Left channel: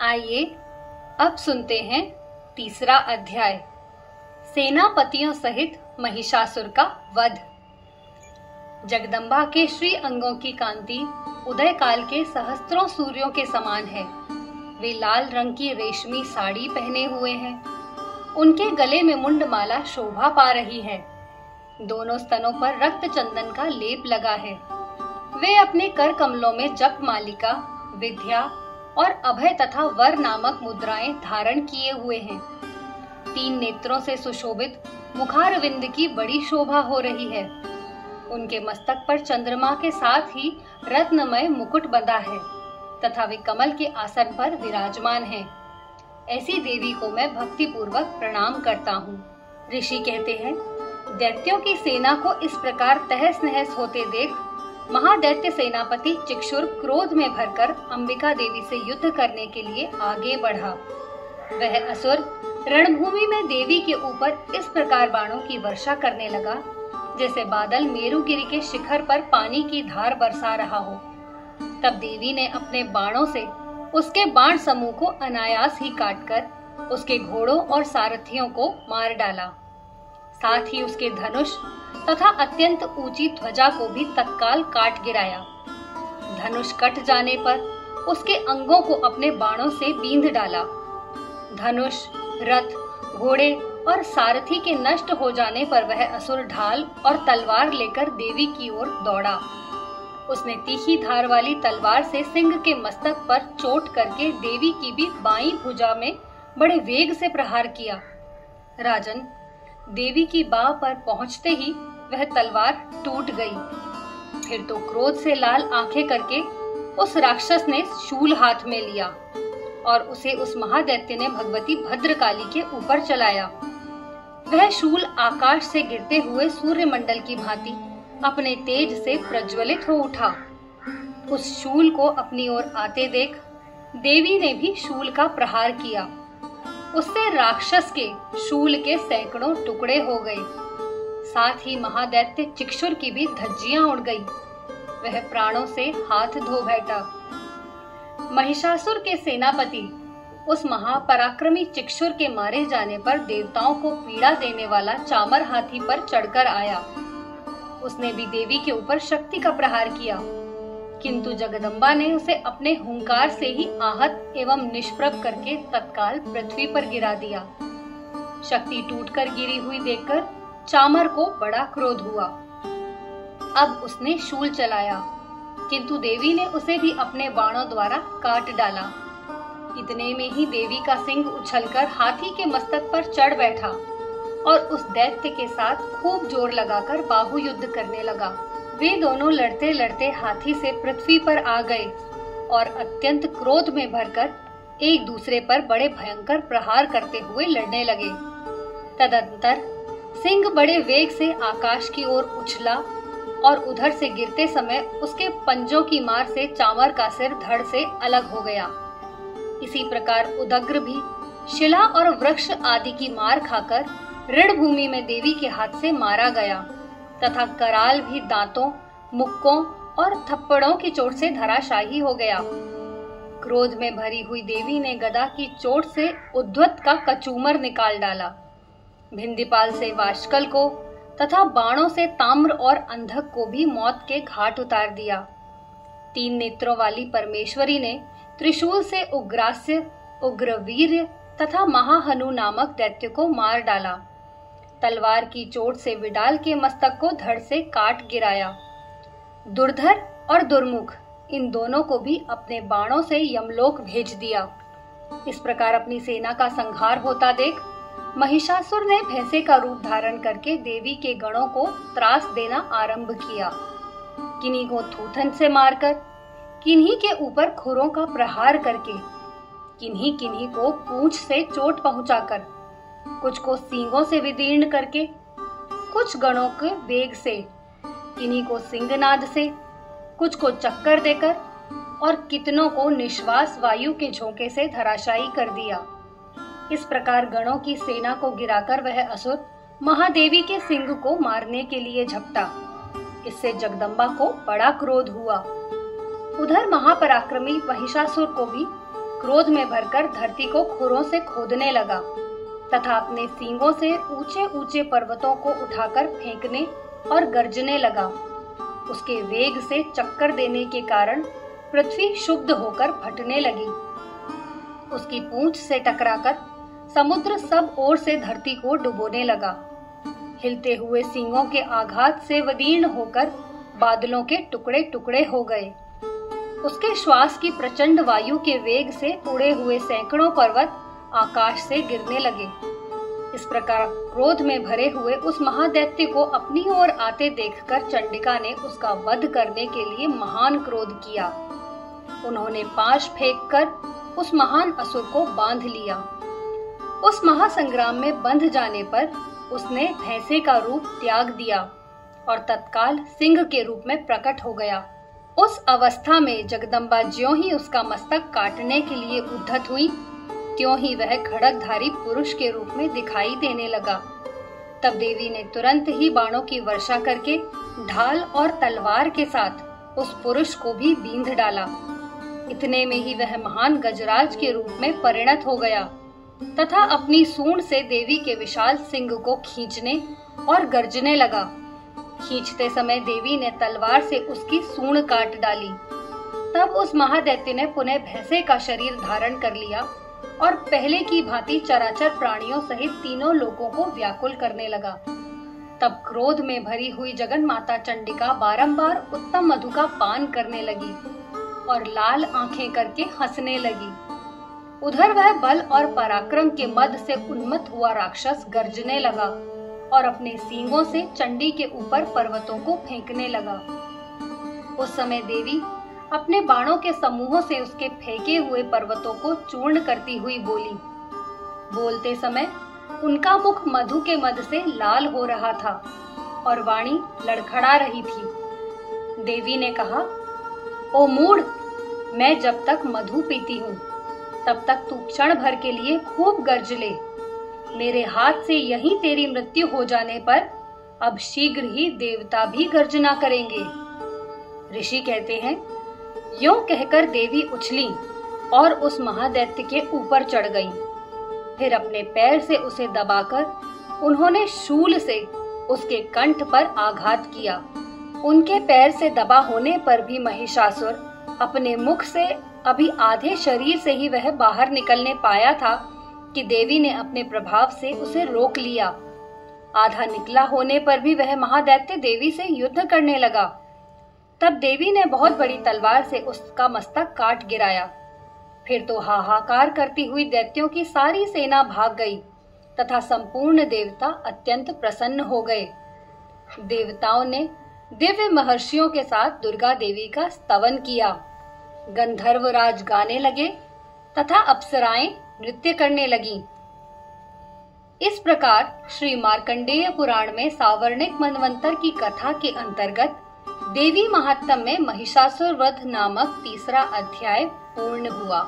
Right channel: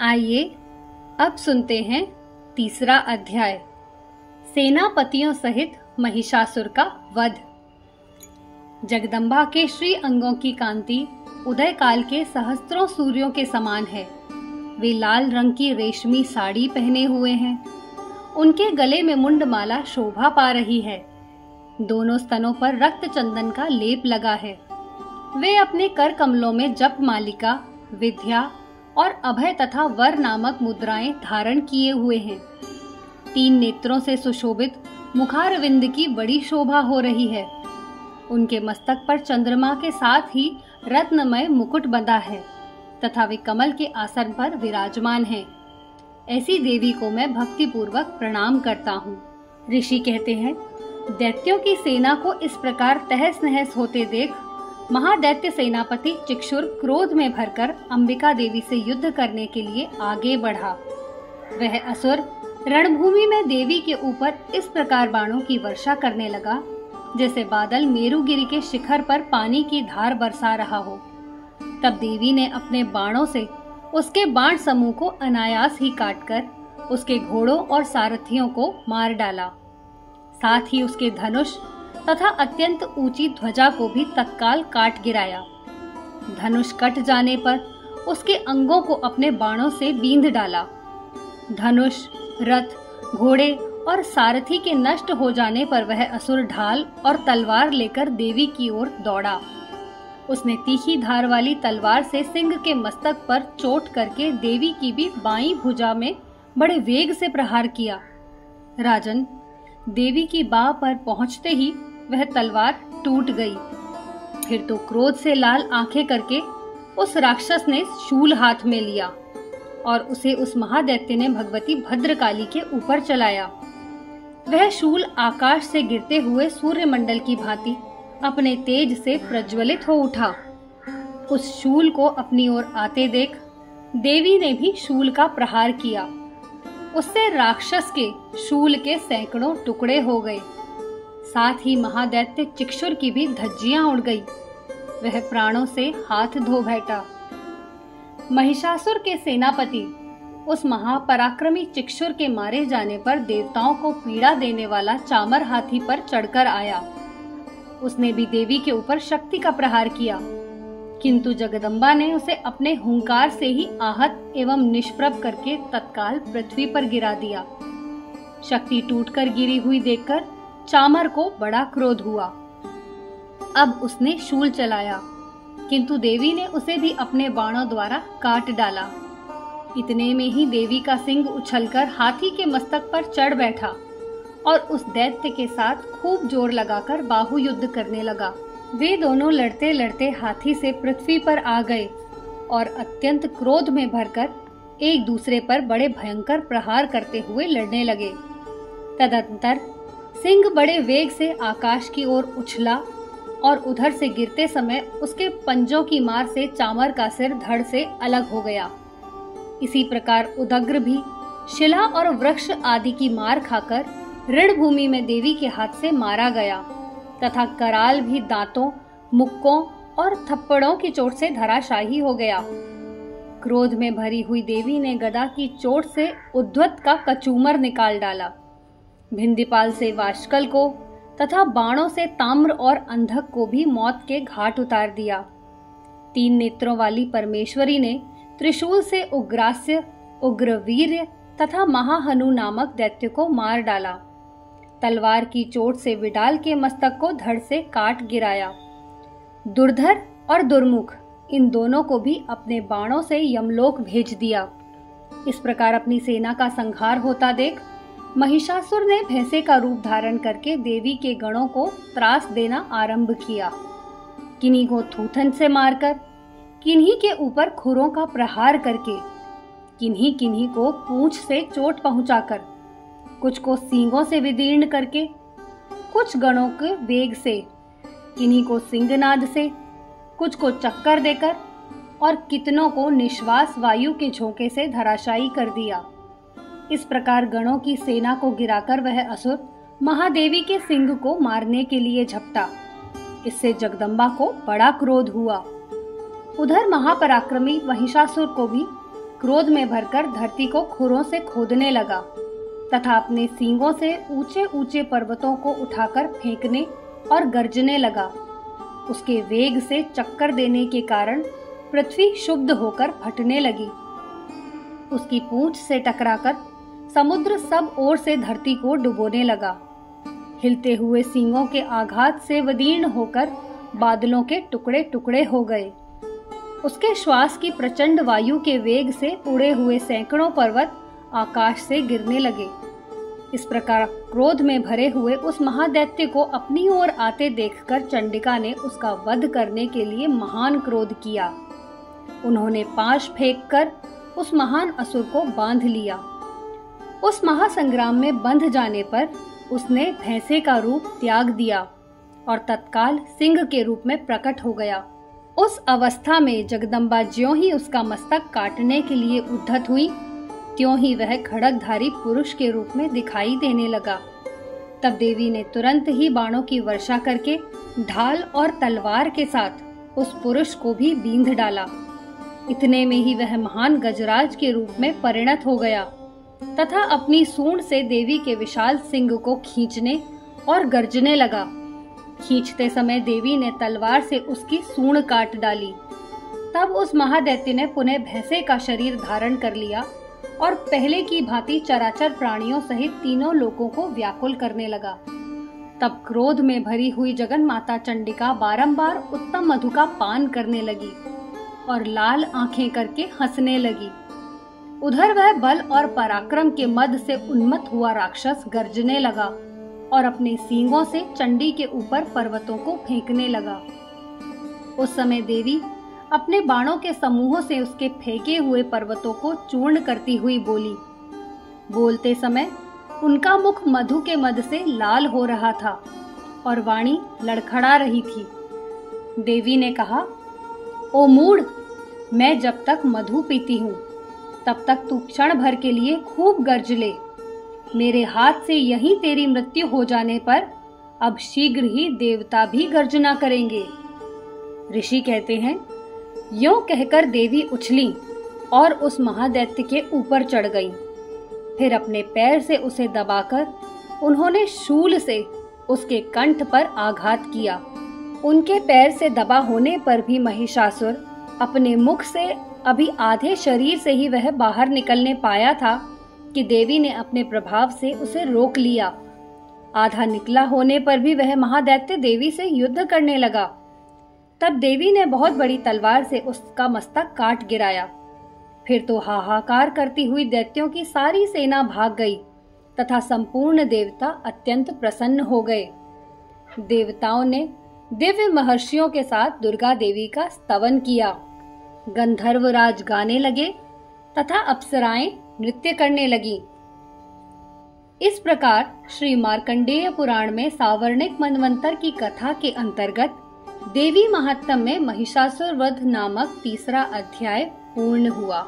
आइए अब सुनते हैं तीसरा अध्याय, सेनापतियों सहित महिषासुर का वध। जगदम्बा के श्री अंगों की कांति उदय काल के सहस्त्रों सूर्यों के समान है। वे लाल रंग की रेशमी साड़ी पहने हुए हैं। उनके गले में मुंडमाला शोभा पा रही है। दोनों स्तनों पर रक्त चंदन का लेप लगा है। वे अपने कर कमलों में जप मालिका, विद्या और अभय तथा वर नामक मुद्राएं धारण किए हुए हैं। 3 नेत्रों से सुशोभित मुखारविंद की बड़ी शोभा हो रही है। उनके मस्तक पर चंद्रमा के साथ ही रत्नमय मुकुट बंधा है तथा वे कमल के आसन पर विराजमान हैं। ऐसी देवी को मैं भक्ति पूर्वक प्रणाम करता हूँ। ऋषि कहते हैं, दैत्यों की सेना को इस प्रकार तहस नहस होते देख महादैत्य सेनापति चिक्षुर क्रोध में भरकर अंबिका देवी से युद्ध करने के लिए आगे बढ़ा। वह असुर रणभूमि में देवी के ऊपर इस प्रकार बाणों की वर्षा करने लगा जैसे बादल मेरुगिरी के शिखर पर पानी की धार बरसा रहा हो। तब देवी ने अपने बाणों से उसके बाण समूह को अनायास ही काटकर उसके घोड़ों और सारथियों को मार डाला। साथ ही उसके धनुष तथा अत्यंत ऊंची ध्वजा को भी तत्काल काट गिराया। धनुष कट जाने पर उसके अंगों को अपने बाणों से बींध डाला। धनुष, रथ, घोड़े और सारथी के नष्ट हो जाने पर वह असुर ढाल और तलवार लेकर देवी की ओर दौड़ा। उसने तीखी धार वाली तलवार से सिंह के मस्तक पर चोट करके देवी की भी बाईं भुजा में बड़े वेग से प्रहार किया। राजन, देवी की बाह पर पहुंचते ही वह तलवार टूट गई। फिर तो क्रोध से लाल आंखें करके उस राक्षस ने शूल हाथ में लिया और उसे उस महादैत्य ने भगवती भद्रकाली के ऊपर चलाया। वह शूल आकाश से गिरते हुए सूर्यमंडल की भांति अपने तेज से प्रज्वलित हो उठा। उस शूल को अपनी ओर आते देख देवी ने भी शूल का प्रहार किया। उससे राक्षस के शूल के सैकड़ों टुकड़े हो गए। साथ ही महादैत्य चिक्षुर की भी धज्जियां उड़ गई। वह प्राणों से हाथ धो बैठा। महिषासुर के सेनापति उस महापराक्रमी चिक्षुर के मारे जाने पर देवताओं को पीड़ा देने वाला चामर हाथी पर चढ़कर आया। उसने भी देवी के ऊपर शक्ति का प्रहार किया, किंतु जगदम्बा ने उसे अपने हुंकार से ही आहत एवं निष्प्रभ करके तत्काल पृथ्वी पर गिरा दिया। शक्ति टूटकर गिरी हुई देखकर चामर को बड़ा क्रोध हुआ। अब उसने शूल चलाया, किंतु देवी ने उसे भी अपने बाणों द्वारा काट डाला। इतने में ही देवी का सिंह उछलकर हाथी के मस्तक पर चढ़ बैठा और उस दैत्य के साथ खूब जोर लगाकर बाहु युद्ध करने लगा। वे दोनों लड़ते लड़ते हाथी से पृथ्वी पर आ गए और अत्यंत क्रोध में भरकर एक दूसरे पर बड़े भयंकर प्रहार करते हुए लड़ने लगे। तदंतर सिंह बड़े वेग से आकाश की ओर उछला और उधर से गिरते समय उसके पंजों की मार से चामर का सिर धड़ से अलग हो गया। इसी प्रकार उदग्र भी शिला और वृक्ष आदि की मार खाकर रणभूमि में देवी के हाथ से मारा गया तथा कराल भी दांतों, मुक्कों और थप्पड़ों की चोट से धराशायी हो गया। क्रोध में भरी हुई देवी ने गदा की चोट से उद्धत का कचूमर निकाल डाला। भिंदीपाल से वाष्कल को तथा बाणों से ताम्र और अंधक को भी मौत के घाट उतार दिया। 3 नेत्रों वाली परमेश्वरी ने त्रिशूल से उग्रास्य, उग्रवीर्य तथा महाहनु नामक दैत्य को मार डाला। तलवार की चोट से विडाल के मस्तक को धड़ से काट गिराया। दुर्धर और दुर्मुख इन दोनों को भी अपने बाणों से यमलोक भेज दिया। इस प्रकार अपनी सेना का संहार होता देख महिषासुर ने भैंसे का रूप धारण करके देवी के गणों को त्रास देना आरंभ किया। किन्हीं को थूथन से मारकर, किन्हीं के ऊपर खुरों का प्रहार करके, किन्हीं किन्हीं को पूंछ से चोट पहुंचाकर, कुछ को सींगों से विदीर्ण करके, कुछ गणों के वेग से, किन्हीं को सिंहनाद से, कुछ को चक्कर देकर और कितनों को निश्वास वायु के झोंके से धराशायी कर दिया। इस प्रकार गणों की सेना को गिराकर वह असुर महादेवी के सिंह को मारने के लिए झपटा। इससे जगदम्बा को बड़ा क्रोध हुआ। उधर महापराक्रमी महिषासुर को भी क्रोध में भरकर धरती को खुरों से खोदने लगा तथा अपने सींगों से ऊंचे ऊंचे पर्वतों को उठाकर फेंकने और गरजने लगा। उसके वेग से चक्कर देने के कारण पृथ्वी क्षुब्ध होकर फटने लगी। उसकी पूंछ से टकराकर समुद्र सब ओर से धरती को डुबोने लगा। हिलते हुए सींगों के आघात से विदीर्ण होकर बादलों के टुकड़े टुकड़े हो गए। उसके श्वास की प्रचंड वायु के वेग से उड़े हुए सैकड़ों पर्वत आकाश से गिरने लगे। इस प्रकार क्रोध में भरे हुए उस महादैत्य को अपनी ओर आते देखकर चंडिका ने उसका वध करने के लिए महान क्रोध किया। उन्होंने पाश फेंककर उस महान असुर को बांध लिया। उस महासंग्राम में बंध जाने पर उसने भैंसे का रूप त्याग दिया और तत्काल सिंह के रूप में प्रकट हो गया। उस अवस्था में जगदम्बा ज्यों ही उसका मस्तक काटने के लिए उद्धत हुई, त्यों ही वह खड़गधारी पुरुष के रूप में दिखाई देने लगा। तब देवी ने तुरंत ही बाणों की वर्षा करके ढाल और तलवार के साथ उस पुरुष को भी बींध डाला। इतने में ही वह महान गजराज के रूप में परिणत हो गया तथा अपनी सूंड से देवी के विशाल सिंग को खींचने और गर्जने लगा। खींचते समय देवी ने तलवार से उसकी सूंड काट डाली। तब उस महादैत्य ने पुनः भैंसे का शरीर धारण कर लिया और पहले की भांति चराचर प्राणियों सहित तीनों लोगों को व्याकुल करने लगा। तब क्रोध में भरी हुई जगन माता चंडिका बारंबार उत्तम मधु का पान करने लगी और लाल आंखें करके हंसने लगी। उधर वह बल और पराक्रम के मद से उन्मत्त हुआ राक्षस गर्जने लगा और अपने सींगों से चंडी के ऊपर पर्वतों को फेंकने लगा। उस समय देवी अपने बाणों के समूहों से उसके फेंके हुए पर्वतों को चूर्ण करती हुई बोली। बोलते समय उनका मुख मधु के मद से लाल हो रहा था और वाणी लड़खड़ा रही थी। देवी ने कहा, ओ मूढ़, मैं जब तक मधु पीती हूँ तब तक तू क्षण भर के लिए खूब गर्ज ले। मेरे हाथ से यहीं तेरी मृत्यु हो जाने पर अब शीघ्र ही देवता भी गर्जना करेंगे। ऋषि कहते हैं, यों कहकर देवी उछली और उस महादैत्य के ऊपर चढ़ गई। फिर अपने पैर से उसे दबाकर उन्होंने शूल से उसके कंठ पर आघात किया। उनके पैर से दबा होने पर भी महिषासुर अपने मुख से अभी आधे शरीर से ही वह बाहर निकलने पाया था कि देवी ने अपने प्रभाव से उसे रोक लिया। आधा निकला होने पर भी वह महादैत्य देवी से युद्ध करने लगा। तब देवी ने बहुत बड़ी तलवार से उसका मस्तक काट गिराया। फिर तो हाहाकार करती हुई दैत्यों की सारी सेना भाग गई तथा संपूर्ण देवता अत्यंत प्रसन्न हो गए। देवताओं ने दिव्य महर्षियों के साथ दुर्गा देवी का स्तवन किया। गंधर्वराज गाने लगे तथा अप्सराएं नृत्य करने लगी। इस प्रकार श्री मार्कंडेय पुराण में सावर्णिक मनवंतर की कथा के अंतर्गत देवी महात्म्य में महिषासुर वध नामक तीसरा अध्याय पूर्ण हुआ।